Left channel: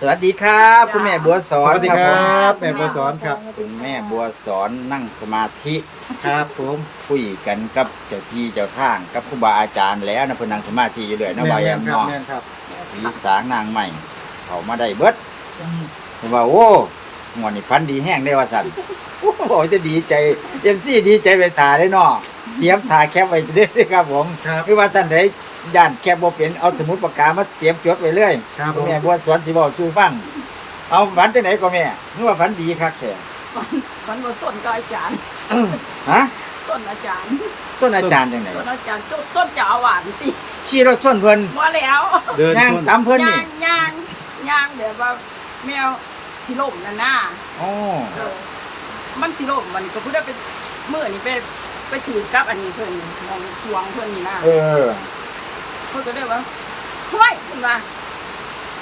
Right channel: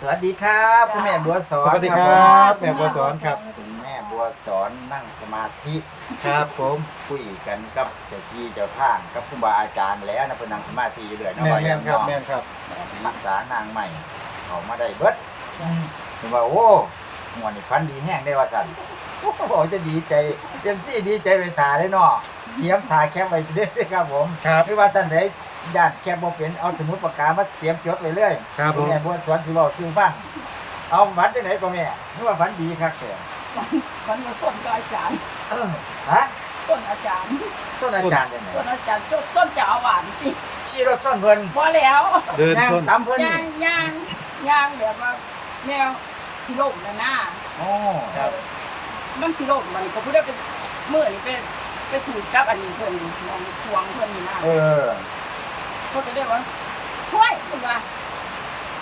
สวัสดีครับคุณแม่บัวสอนสวัสดีครับแม่บัวสอนครับคุณแม่บัวสอนนั่งสมาธิครับผมคุยกันกับเจ้าที่เจ้าทางกับครูบาอาจารย์แล้วนะเพนนังสมาธิอยู่เลยนะแม่นว่าแม่นครับเนาะแม่นครับผีสางนางใหม่ออกมาได้เบิดผมว่าโอ้หมอนี่ฟันดีแห้งได้ว่าสันโอ้จะดีใจเต็มซี่ดีใจไปถ่ายได้เนาะเตรียมถ่ายแคปไว้เรื่อยๆครับผมครับคือว่าท่านใด ย่านแคปบ่เป็นเอาสมุดปากกามาเตรียมจดไว้เลยครับผม แม่บัวสอนสิบอกสู่ฟังเอาฝันจังไหนก็แม่นึกว่าฝันดีคักแต่มันมาส้นก็อาจารย์ฮะส้นอาจารย์ต้นอาจารย์จังไหนส้นอาจารย์ส้นส้นจะเอาหวานติขี่รถส้นเพิ่นบ่แล้วเดินย่างชนตามเพิ่นนี่ย่างย่างย่างแบบว่าแมวสิล่มนั่นน่ะโอ้ครับ มันสิล่มมันก็พูดได้เป็นมื้อนี่ไปไปฉีดกับอันนี้เพิ่นนี่มองสวงเพิ่นนี่นะเออ เขาจะได้ว่าห้วยเพิ่นว่า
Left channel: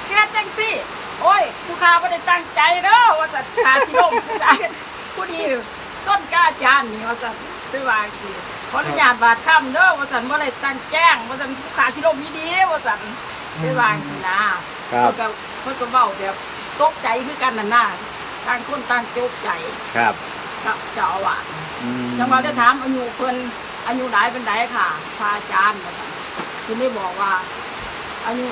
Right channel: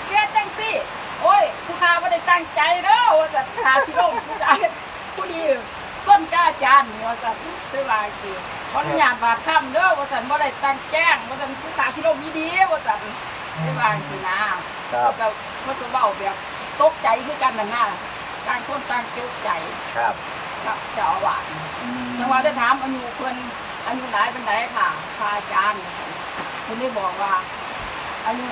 แกจังซี่โอ้ยผู้ค้าบ่ได้ตั้งใจเด้อว่าจะขาสิล่มผู้ใดผู้นี้ส้นกล้าอาจารย์นี่ว่าจะไปว่าสิขออนุญาตบาดค่ำเด้อว่าซั่นบ่ได้ตั้งแจ้งว่าซั่นผู้ค้าสิล่มดีๆว่าซั่นไปว่าสินะครัเขาบก็เขาก็เว้าแบบตกใจคือกันนั่นน่ะต่างคนต่างตกใจครับกับเจ้าอาวาสอืมจังหวะจะถามอายุเพิ่นอายุหลายเป็นไดค่ะพระอาจารย์ว่าซั่น เพิ่นได้บอกว่าอายุ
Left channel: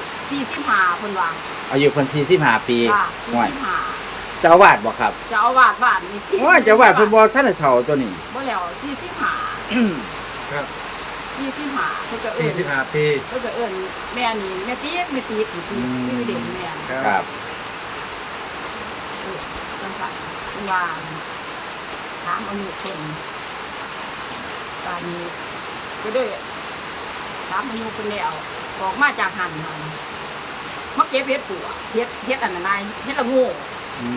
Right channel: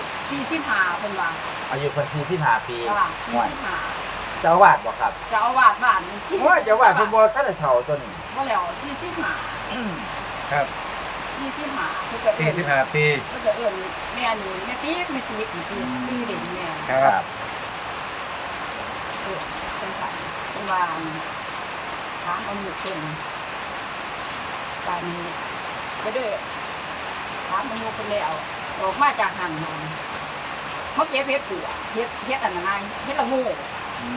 45เพิ่นว่าอายุเพิ่น45 ปีว่าห่วย45เจ้าอาวาสบ่ครับเจ้าอาวาสบ้านนี่ว่าเจ้าอาวาสเพิ่นบ่ทันได้เฒ่าตัวนี้ บ่แล้ว45ครับ45เพิ่นจะเอิ้สี่นสิบห้าปี เพิ่นจะเอิ้นแม่นี่แม่ติ๊กแม่ติ๊กนี่ติ๊กชื่อเด่นแม่ครับ เออจังซั่นเพิ่นว่าถามอายุเพิ่นตอนนี้ก็ด้วย ถามอายุเพิ่นแล้วบอกมาจากหันมันมาเก็บเฮ็ดปัวเฮ็ดเฮ็ดอันนั้นนายเฮ็ดละโงูอื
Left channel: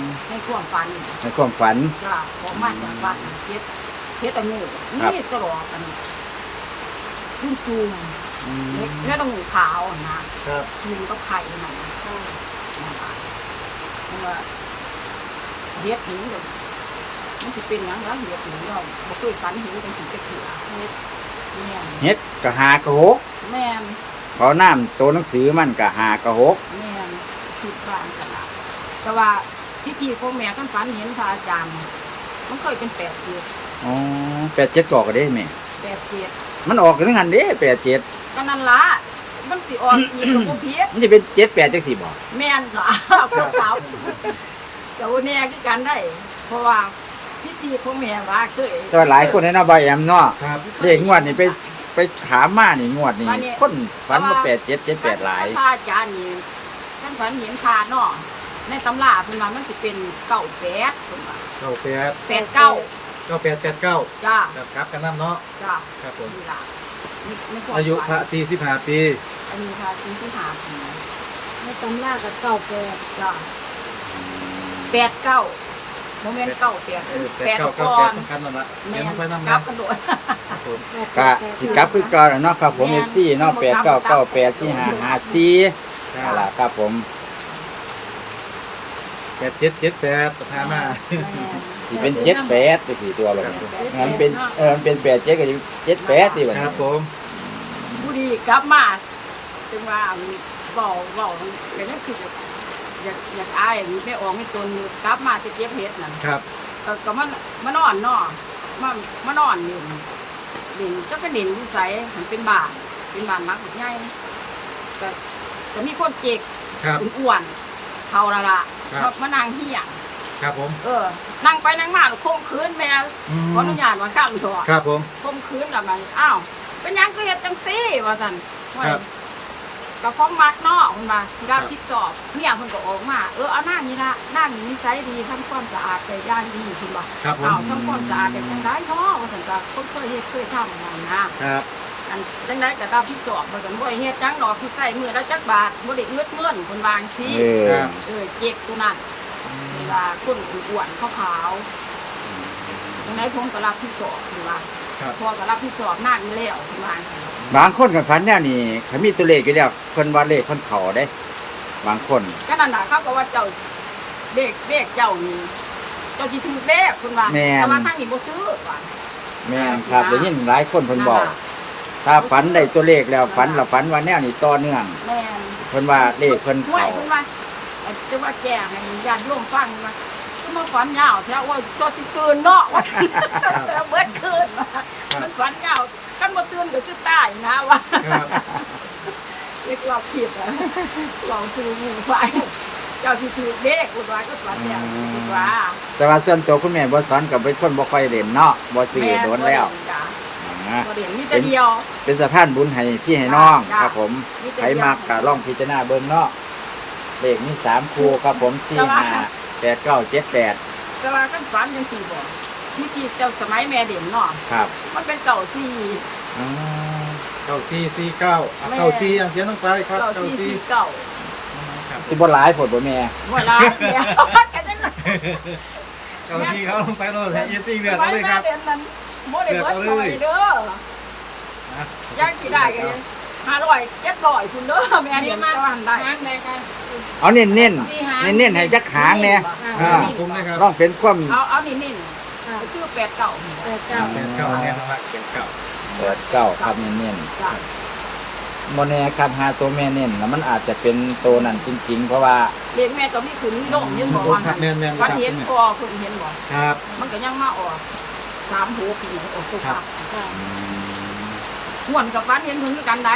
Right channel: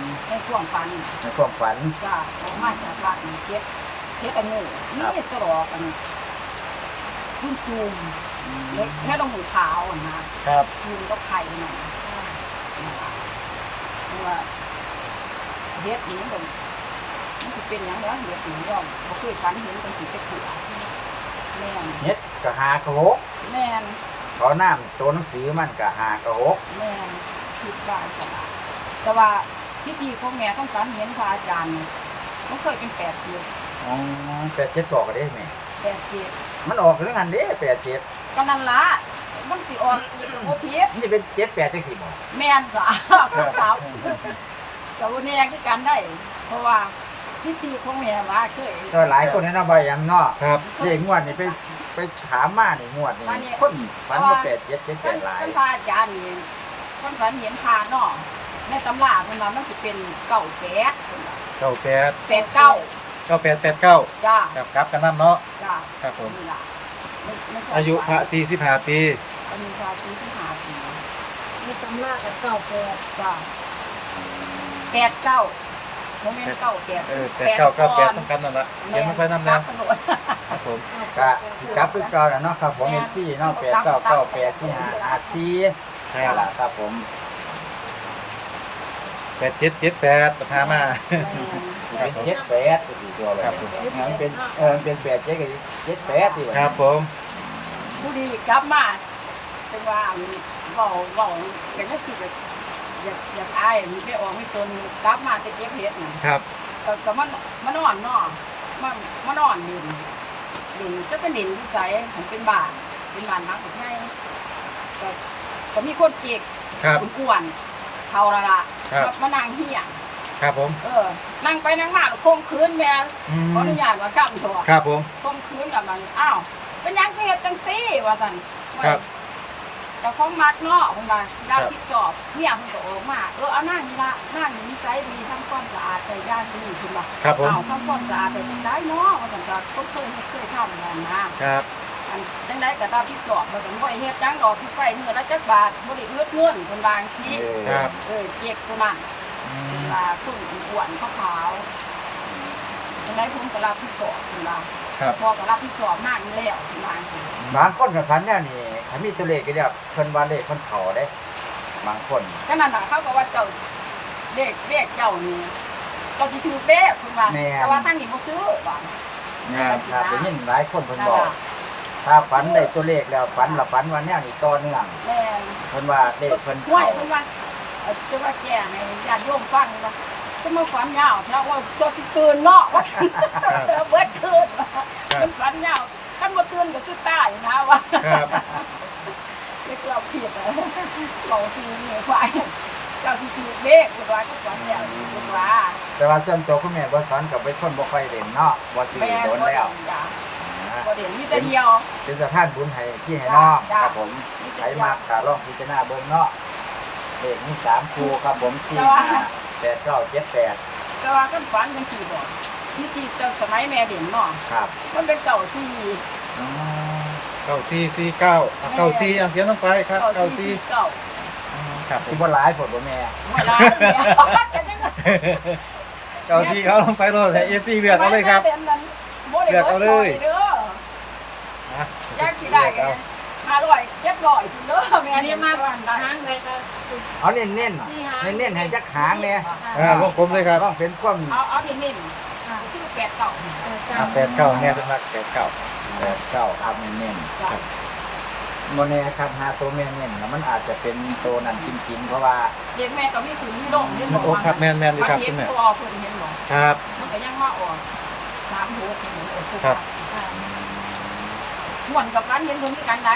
มให้ท่วงฟันในความฝัน จ้าออกมาจากบ้านเฮ็ดเฮ็ดละโงูนี่ตลอดกันรุ่นจูมอืมเฮ็ดเฮ็ดละโงูขาวอะนะครับจูมก็ไข่นั่นนะนั่นล่ะนั่นว่าเฮ็ดนี่มันก็มันสิเป็นหยังวะเฮ็ดนี่เราบ่เคยฝันเห็นจังสิจะเถื่อ แม่นเฮ็ดก็หากะหกแม่นเขาน้ำตัวหนังสือมันก็หากะหกแม่นคิดบ้านกระดาษแต่ว่าที่ที่พวกแม่ท่านฝันเห็นพระอาจารย์เนี่ยมันเคยเป็นแปดเกียรอ๋อ87ก็ก็ได้แม่แปดเกียรมันออกถึงหันเด้87ก็นั่นละมันสิออนอีกตัวพีษมันจะเป็น78จังซี่บ่แม่นก็พวกสาวเจ้าแน่คือกันได้ เพราะว่า ที่ที่ของแม่ว่าเคยแต่ว่าหลายคนในเนาะบ่แอมเนาะครับ เด็กงวดนี่ไปไปถามมานี่งวดนี่อันนี้คนฝันว่าแปดเจ็ดเจ็ดแปดหลายท่านพระอาจารย์นี่ท่านฝันเห็นพาเนาะในตำราเพิ่นว่ามันสิเป็นเก้าแปดเพิ่นว่าเก้าแปดแปดเก้าเก้าแปดแปดเก้าจ้าครับครับกันน้ำเนาะจ้าครับผมนี่ล่ะในในควมอายุพฝัระนสี่สิบห้าปีอันนี้ว่าปีที่หาปีไม่ตรงหน้ากับเก่าแปดจ้าแปดเก้า โมเมนต์เก้าแปดเออแปดเก้าเก้าแปดต้องกันนั่นละเดี๋ยวมันไปน้ำนันะกกระโดดครับผมกะสิกลับคือเก่าเนาะครับผมมีซี่เนาะแปดเก้าเก้าแปดที่หาหาซี่ครับครับผมแปดเจ็ดเจ็ดแปดประธามาสิเป็นเจ็ดแปดไปสี่ตัวครับผมงั้นเป็นเออมันเป็นแปดเจ็ดก็จะเจ็ดแปดดีกว่าครับผมผู้ดีกลับมาจังว่าอันนี้เว้าเว้าอย่างนั้นคือ อยากอยากอยากอายไม่ออกไม่ตนอยู่กลับมาจะเจ็บเฮ็ดนั่นครับ ก็ก็มันมันนอนเนาะมันมันนอนเล่นเล่นจะไปเล่นอยู่ไสมันเป็นบ้านเป็นบ้านหลังใหญ่ก็ก็มีคนเจ็กครับ อ้วนๆเท่าละละครับ มานั่งเฮียครับผม เออ นั่งไปนั่งมาคมคืนแม่อืมขออนุญาตว่าข้ามถอดครับผมคมคืนกับมัน อ้าว เป็นหยังก็เฮ็ดจังซี่ว่าซั่นว่าครับ ก็ของมักเนาะเพิ่นว่าสิรับครับผิดชอบเนี่ยเพิ่นก็ออกมาเออเอาหน้านี่ละหน้านี่นิสัยดีทำความสะอาดแต่ย่างดีเพิ่นว่าครับผมอ้าวทำความสะอาดแต่จังไดเนาะว่าซั่นก็คนเคยเฮ็ดเคยทำนั่นนะครับอันจังไดก็รับผิดชอบบ่ต้องบ่ได้เฮ็ดจังดอกที่ใส่มือละจักบาทบ่ได้เอื้อเงินเพิ่นวาจังซี่เออครับเออเจ๊กตัวนั้นอืมว่าคนอ้วนๆขาวๆจังไดผมก็รับผิดชอบเพิ่นว่า ครับ พอก็รับผิดชอบนั่งอยู่แล้วเพิ่นว่าจังซี่บางคนกับฝันเนี่ยนี่เขามีตัวเลขอยู่แล้วคนว่าเลขคนเขาได้ บางคนก็นั่นน่ะเขาก็ว่าเจ้าเด็กเด็กเจ้านี่เจ้าสิถูกเด็กคุณว่าแม่นแต่ว่าทางนี้บ่ซื้อว่าแม่นครับได้ยินหลายคนคนนั่นบอก ล่ะถ้าฝันได้ตัวเลขแล้วฝันละฝันว่าแนวนี้ต่อเนื่องแม่นเพิ่นว่าเลขเพิ่นห้วยเพิ่นว่าเอาจะว่าแจ้งให้ญาติโยมฟังว่า ก็มาฝันยาวแท้ว่าตัวสิเกินเนาะว่าซั่นเบิดคืนว่ามันฝันยาวคันบ่ตื่นก็สิตายนะว่าครับเรียกเราผิดอะเราคือหมู่ฝ่ายเจ้าที่ถือเด็กว่าก็ฝันแล้วคิดว่าแต่ว่าส่วนตัวคุณแม่บ่สอนกับเป็นคนบ่ค่อยเล่นเนาะบ่ซื้อโดนแล้วจ้ะนะบ่เด่นมีแต่เดียว เป็นสะพานบุญให้พี่ให้น้องจ้ะครับผมมีแต่ใครเดียวมากก็ลองพิจารณาเบิ่งเนาะเลขมีสามคู่ครับผมสี่แต่ว่าห้า แปดเก้าเจ็ดแปดแต่ว่ากันฝันยังสี่บอกที่จีเจ้าสมัยแม่เด่นเนาะครับมันเป็นเก่าสี่อืมเก้าสี่สี่เก้าอะเก้าสี่อะเขียนลงไปครับเก่าเก้าสี่สี่สี่เก่าอืมครับผสิมบ่หลายผลบ่แม่หัวร้ายเนี่ยแกจะเก้าสี่เขาลงไปโลดใส่เอฟซีเลือกเอาเลยครับสมัแม่ด่นนั้นบ่ได้เลือกเบิเอาดเลยหน่อยเด้ออะยากสิได้กันห้าร้อยเจ็ดร้อยคุณเด้อแม่เรีเด่ยนกมาตะวันได้หางไหนคะ เอาเน้นเน้นมีหางเน้นเน้นๆให้จักหางเนี่ยเออของผมเลยครับต้องเป็นความเอาเอานี่นี่อ่าชื่อแปดเก่าเออจ้าแปดเก้าเนี่ยเป็นมาแปดเก้าแปดเก้าครับเน้นจ้ะๆโมแน่ครับหาตัวแม่เน้นแล้วมันอาจจะเป็นตัวนั้นจริง ๆ เพราะว่าเด็กแม่ตอนนี้คือนี่โด่งเห็นบอกโอ้ว่าครับแม่นแม่นเลยมันครับเห็คุนณแม่ตัวเพิ่นเห็นบ่ครับ มันก็ยังมาออกสามหัวคือเหมือนออกตัวครัปาบกม่วนกับฟันเห็นเพิ่นคือกันไหน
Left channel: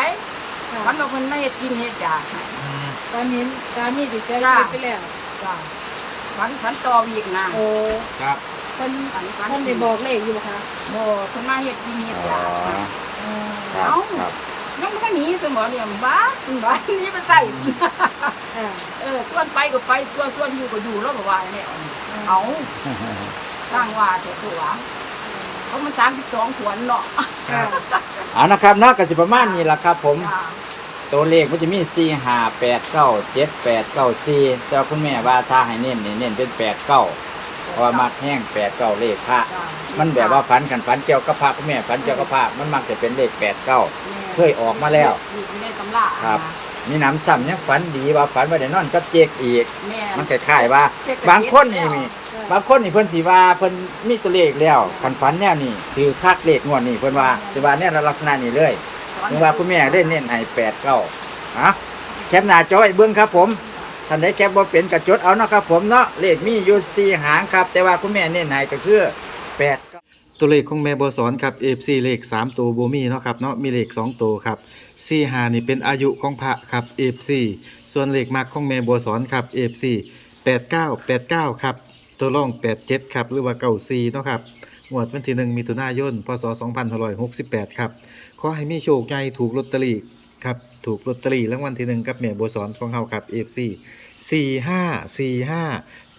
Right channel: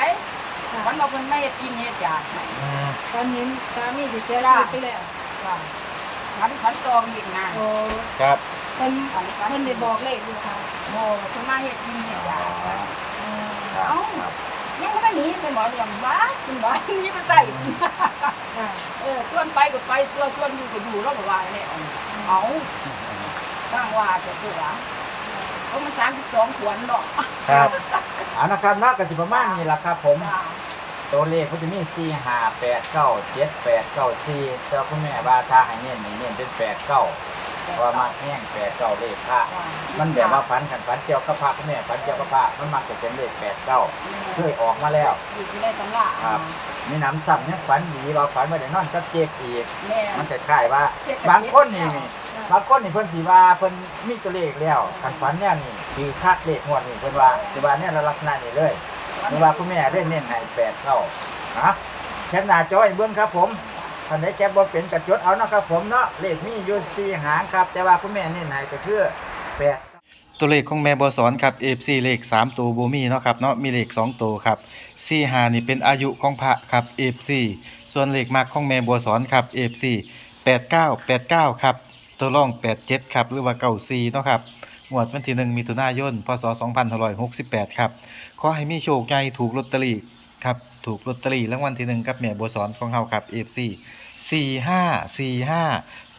วันเราเพิ่นไม่เฮ็ดกินเฮ็ดอยากอืมตอนนี้สามีติดเชื้อไปแล้วจ้ะฟันฟันต่อวีกนะโอ้ครับมันฟันฟันมันได้บอกเลขอยู่ค่ะโบ่เพิ่นมาเฮ็ดกินเฮ็ดอยากครับเอ้าครับยังบ่ทันหนีสมอเหลี่ยมบ้าคุณบ้าหนีไปใส่อ่าเออชวนไปก็ไปชวนชวนอยู่ก็อยู่แล้วก็ว่าแนวเอาสร้างว่าเถอะตัว เพราะมัน32ขวนเนาะครับเอานะครับเนาะก็สิประมาณนี้ล่ะครับ ผม จ้ะตัวเลขมันจะมีสี่ห้าแปดเก้าเจ็ดแปดเก้าสี่เจ้าคุณแม่ว่าถ้าให้เน้นนี่เน้นเป็นแปดเก้าเพราะว่ามักแห้งแปดเก้าเลขพระจ้ะมันแบบว่าฝันกันฝันเกี่ยวกับพระคุณแม่ฝันเกี่ยวกับพระมันมักจะเป็นเลขแปดเก้าเคยออกมาแล้ว อยู่ในตำราครับ มีน้ำซ้ำยังฝันดีว่าฝันว่าได้นอนกับเจกอีก แม่มันคล้ายๆว่า บางคนนี่มีบางคนนี่เพิ่นสิว่าเพิ่นมีตัวเลขแล้วฝันฝันแนวนี้คือคาดเลขงวดนี้เพิ่นว่าสิว่าแนวลักษณะนี้เลยเพิ่นว่าคุณแม่ได้เน้นให้แปดเก้านะแคปหน้าจอไอ้เบิ่งครับผมท่านใดแคปบ่เป็นกระจดเอาเนาะครับผมเนาะเลขมีอยู่สี่หางครับ แต่ว่าคุณแม่เน้นให้ก็คือแปดตัวเลขของแม่บัวสอนครับ FC เลข3ตัวบ่มีเนาะครับเนาะมีเลข2ตัวครับ สี่หานี่เป็นอายุของพระครับเอฟซีส่วนเหล็กมักของแม่บัวสอนครับเอฟซีแปดเก้าแปดเก้าครับตัวร่องแปดเจ็ดครับหรือว่าเก้าสี่เนาะครับหมวดวันที่หนึ่งมีถุนายนพศสองพันหร้อยหกสิบแปดครับขอให้มีโชคใหญ่ถูกลอตเตอรี่ครับถูกลอตเตอรี่รางวัลที่หนึ่งกับแม่บัวสอนของเขาครับเอฟซีสี่ห้าสี่ห้า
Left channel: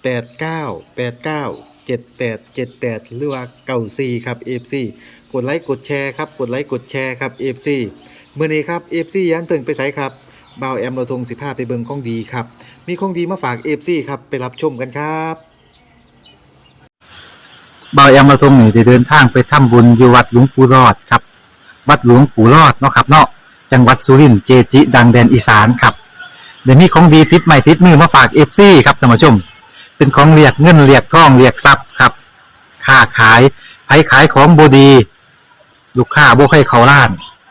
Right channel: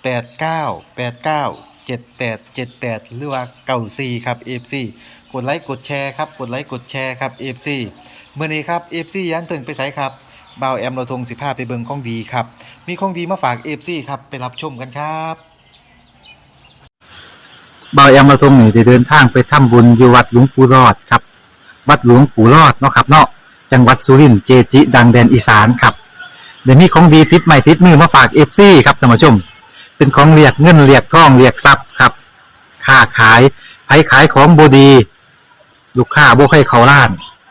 แปดเก้าแปดเก้าเจ็ดแปดเจ็ดแปดหรือว่าเก้าสี่ครับเอฟซีกดไลค์กดแชร์ครับกดไลค์กดแชร์ครับเอฟซี มื่อนี้ครับ FC ยันเพิ่งไปไสครับบ่าวแอมเราทง15ไปเบิงของดีครับ มีของดีมาฝาก FC ครับไปรับชมกันครับบ่าวแอมเราทงนี่ได้เดินทางไปทำบุญอยู่วัดหลวงปู่รอดครับ วัดหลวงปู่รอดเนาะครับเนาะจังหวัดสุรินทร์เจจิดังแดนอีสานครับเดี๋ยวนี้ของดีติดใหม่ติดมือมาฝาก FC ครับท่านผู้ชม เป็นของเรียกเงินเรียกทองเรียกทรัพย์ครับค้าขายไผขายของบดี ลูกค้าบ่ให้เขาล้าน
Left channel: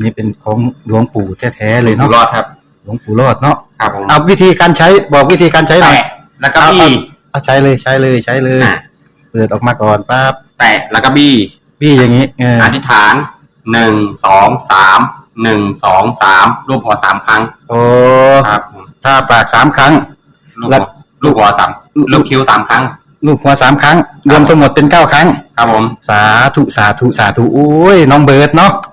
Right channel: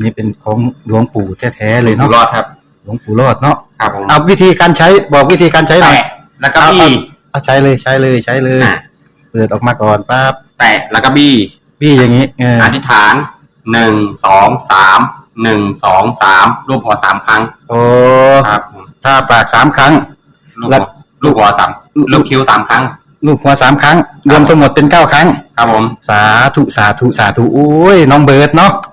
นนี้เป็นของหลวงปู่แท้ๆเลยอยู่เนาะรอดครับ หลวงปู่รอดเนาะครับผมเอาวิธีการใช้บอกวิธีการใช้หน่อยแตะแล้วก็บี้เอาใช้เลยใช้เลยใช้เลยอะเปิดออกมาก่อนปั๊บแตะแล้วก็บี้พี่อย่างนี้เอออธิษฐานหนึ่งสองสามหนึ่งสองสามรูปหัวสามครั้งโอ้ครับผมถ้าปากสามครั้ง ลูกแล้หัววลูกหัวต่ำลูกคิ้วสามครั้ง ลูกหัวสามครั้ง รวมทั้งหมดเป็นเก้าครั้ง ครับผม สาธุสาธุสาธุโอ้ยน้องเบิร์ดเนาะ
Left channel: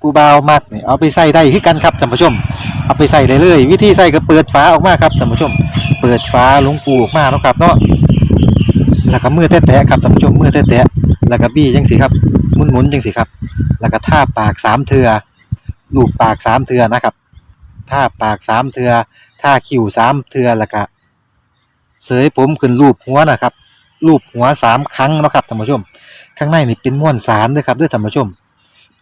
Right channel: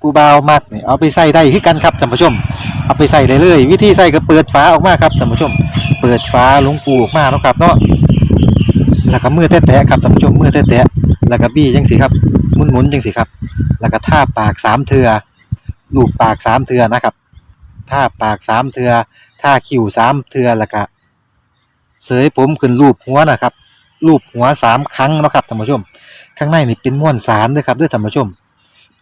ผู้บ่าวมักนี่เอาไปใส่ได้คือกันครับท่านผู้ชม เอาไปใส่เลยเลย วิธีใส่ก็เปิดฝาออกมาครับท่านผู้ชม เปิดฝาหลวงปูออกมาเนาะครับเนาะแล้วก็มือแตะๆครับท่านผู้ชมมือแตะๆแล้วก็บี้จังสิครับหมุนๆจังสิครับ แล้วก็ท่าปากสามเทือลูบปากสามเทือนะครับท่าปากสามเทือท่าคิ้วสามเทือแล้วก็เสยผมขึ้นรูปหัวนะครับรูปหัวสามครั้งเนาะครับท่านผู้ชม ข้างในนี่เป็นม้วนสารด้วยครับด้วยท่านผู้ชม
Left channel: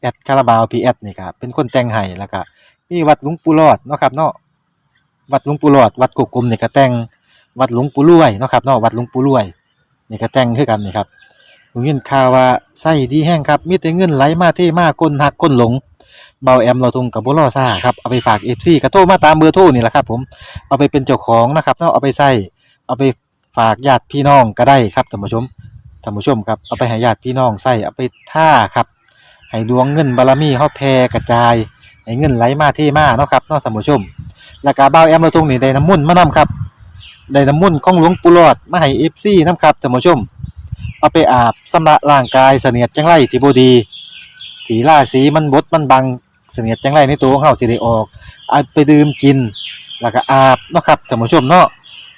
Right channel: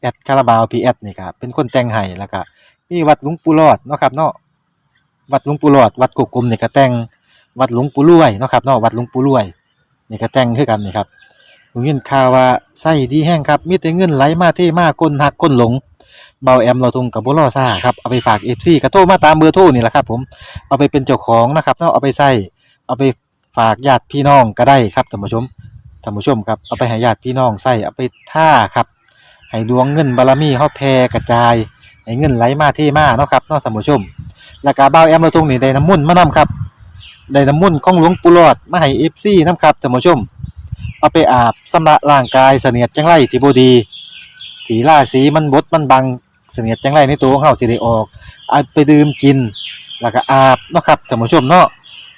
แอดคาราบาวพีแอดนี่ครับเป็นคนแต่งให้แล้วก็มีวัดหลวงปู่รอดเนาะครับเนาะวัดหลวงปู่รอด วัดกกกลมนี่ก็แต่งวัดหลวงปู่รวยเนาะครับเนาะวัดหลวงปู่รวยนี่ก็แต่งคือกันนี่ครับผมยินข่าวว่าไส้ดีแห้งครับมีแต่เงินไหลมาเทมาคนหักคนหลงเบาแอมเราทุงกับบุรอซ่าครับเอาไปฝากเอฟซีกระโทรมาตามเบอร์โทรนี่แหละครับ ผมเอาไปเป็นเจ้าของนะครับเนาะเอาไปใส่เอาไปฝากญาติพี่น้องก็ได้ครับท่านผู้ชมท่านผู้ชมครับเอาไปให้ญาติพี่น้องใส่เอาไปท่าครับ ให้ดวงเงินบารมีเฮาแผ่กระจายให้เงินไหลมาเทมาเนาะครับเนาะท่านผู้ชมแล้วก็เบาแอมเราทุงนี่ได้น้ำมุ่นมานํครับได้น้ำมุ่นของหลวงปู่หลอดมาให้เอฟซีนํครับท่านผู้ชม เอาไปอาบสำระร่างกายเสนียดจังไรที่บดีถีล่าสีมันบดมันบังเสนียดจังไรในตัวของเฮาสิได้ออกเอาไปดื่มกิน แล้วก็อาบเนาะครับท่านผู้ชมเนาะ